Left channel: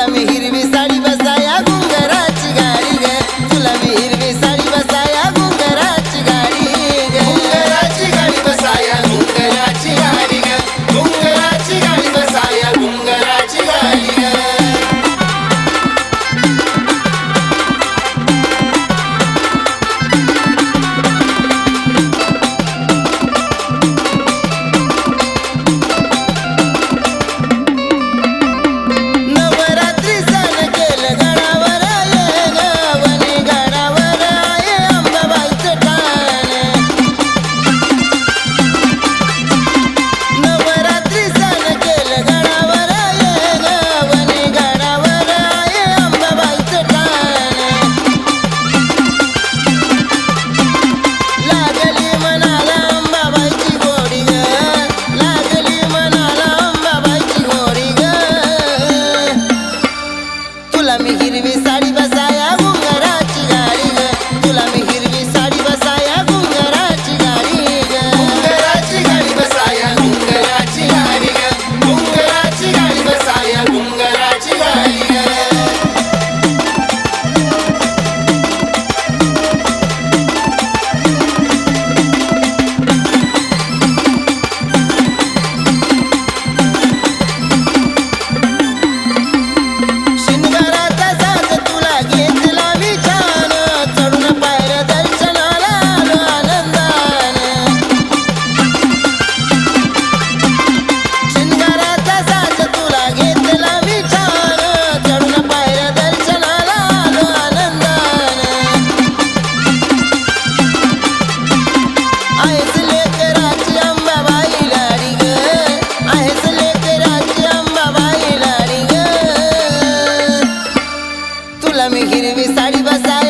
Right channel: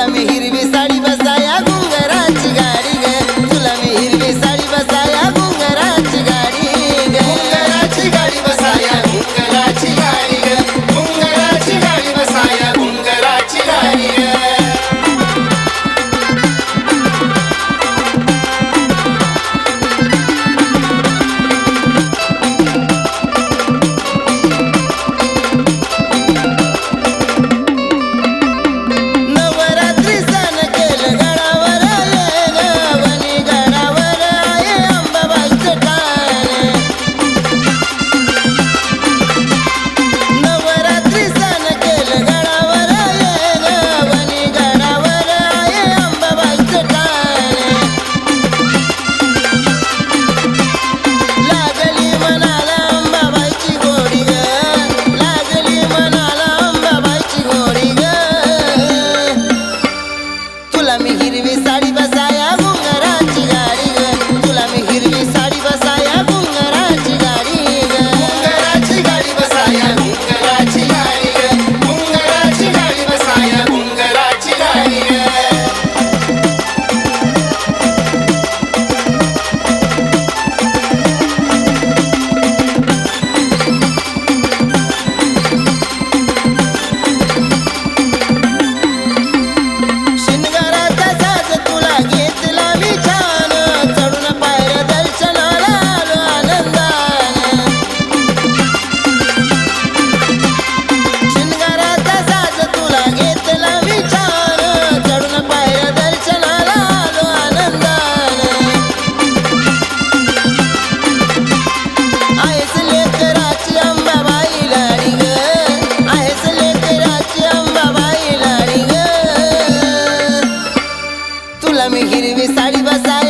तुला मी हिरवी साडी बसाया गुंगराची गाडी ग. तुला मी हिरवी साडी बसाया আমি হিরবে সাড়ি मी हिरवी साडी बसाया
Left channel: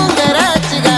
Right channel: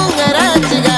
घुंगराची गाडी